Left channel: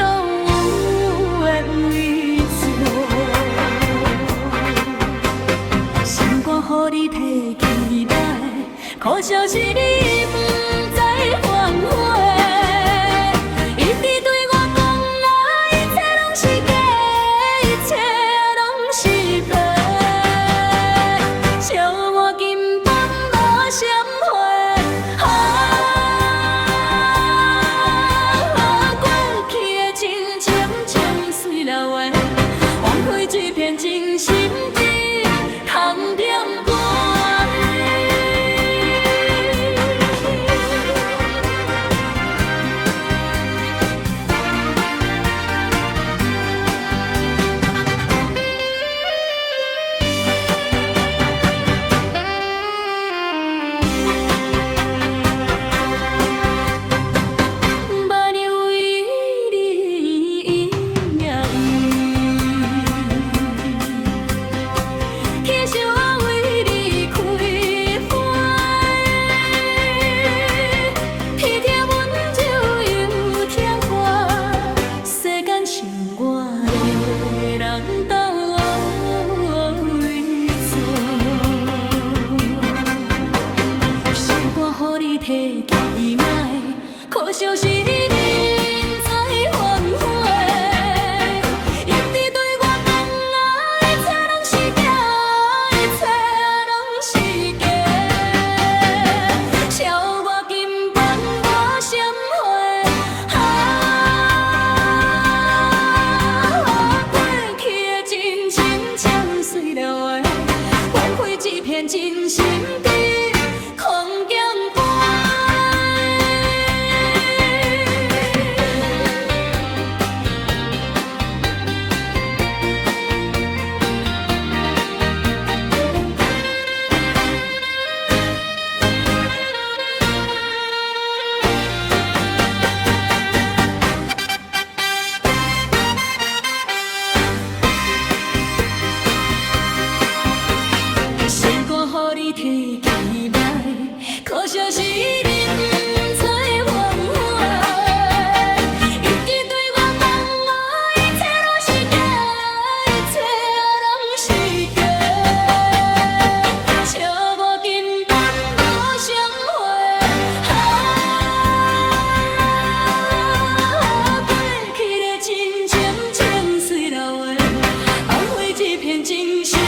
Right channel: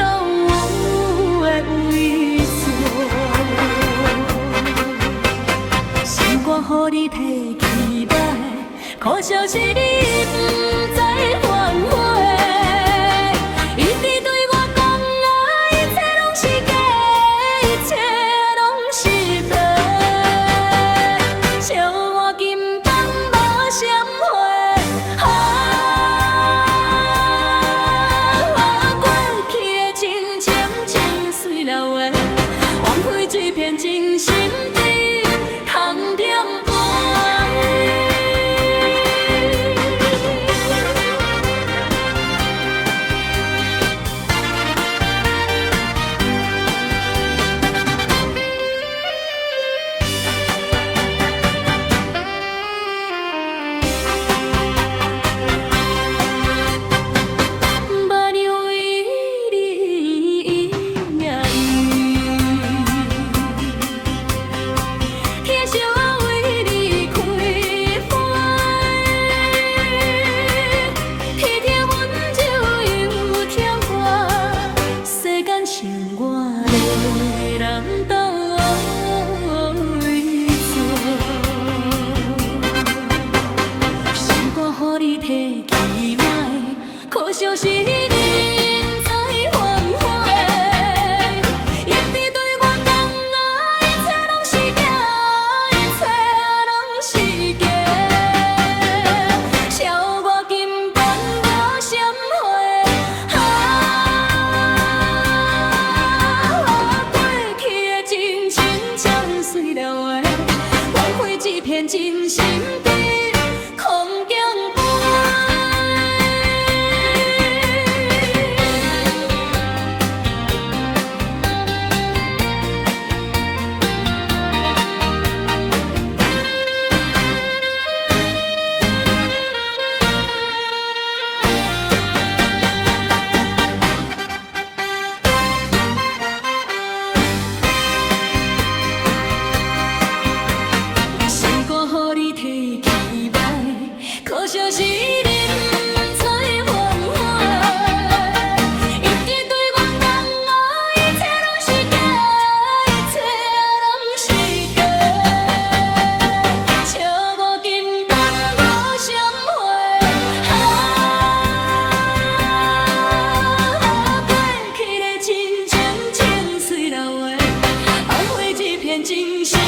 都有的为错，心肝予你提起来，可惜是你不知反悔。一直对我讲啊，一切拢是假，一切拢是骗，笑我根本无闪回。过去的情情情碎了话，枉费一片真心在空点半。剩我一个人斗为错，心肝予你提起来，可惜是你人才反悔。一直对我讲啊，一切拢是假，一切拢是假，笑我根本无闪回。碎了话，枉费一片真心在空境飞。心肝予你提起来，可惜是你不知反悔。一直对我讲啊，一切拢是假，一切拢是假，笑我根本无闪回。过去的情情情碎了话，枉费一片真心。